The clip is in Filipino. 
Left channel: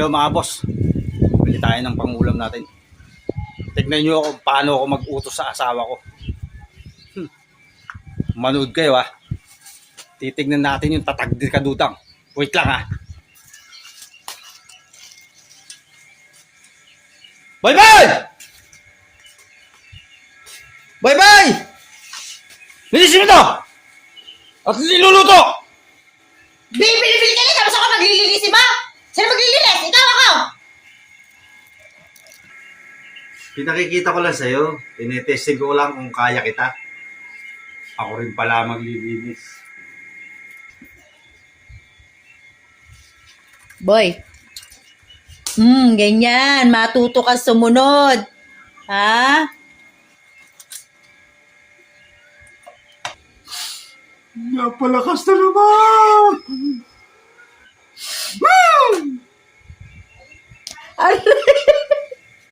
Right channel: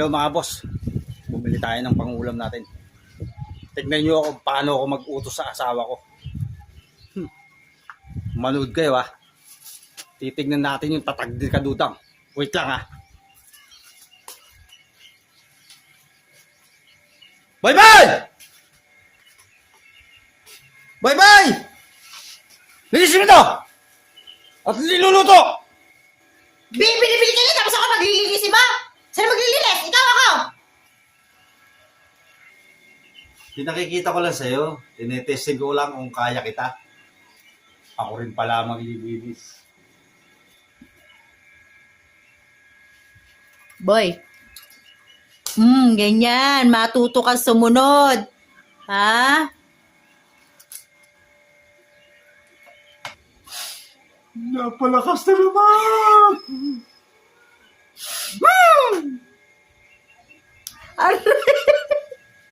Hello mga boss, bili tayo ng pangulam natin. Tignan nyo kung paano ako mag-utos sa asawa ko. Manood kayo ha. Titignan natin yung tatagdir kadutang. Wait lang ha. Bye bye! Bye bye! Linisin mo to! At niluluto! Bibili-bili ka na, tapos ako maglilinis, ba? Sino maglilinis? Ikaw ako! Pinakikita ko lang sa'yo. Tinetesting ko lang kung kaya kita. Ako rin pala maglilinis. Boy. Ganyan. Matuto ka sumunod. Ha? Napalakas na naman! Aray!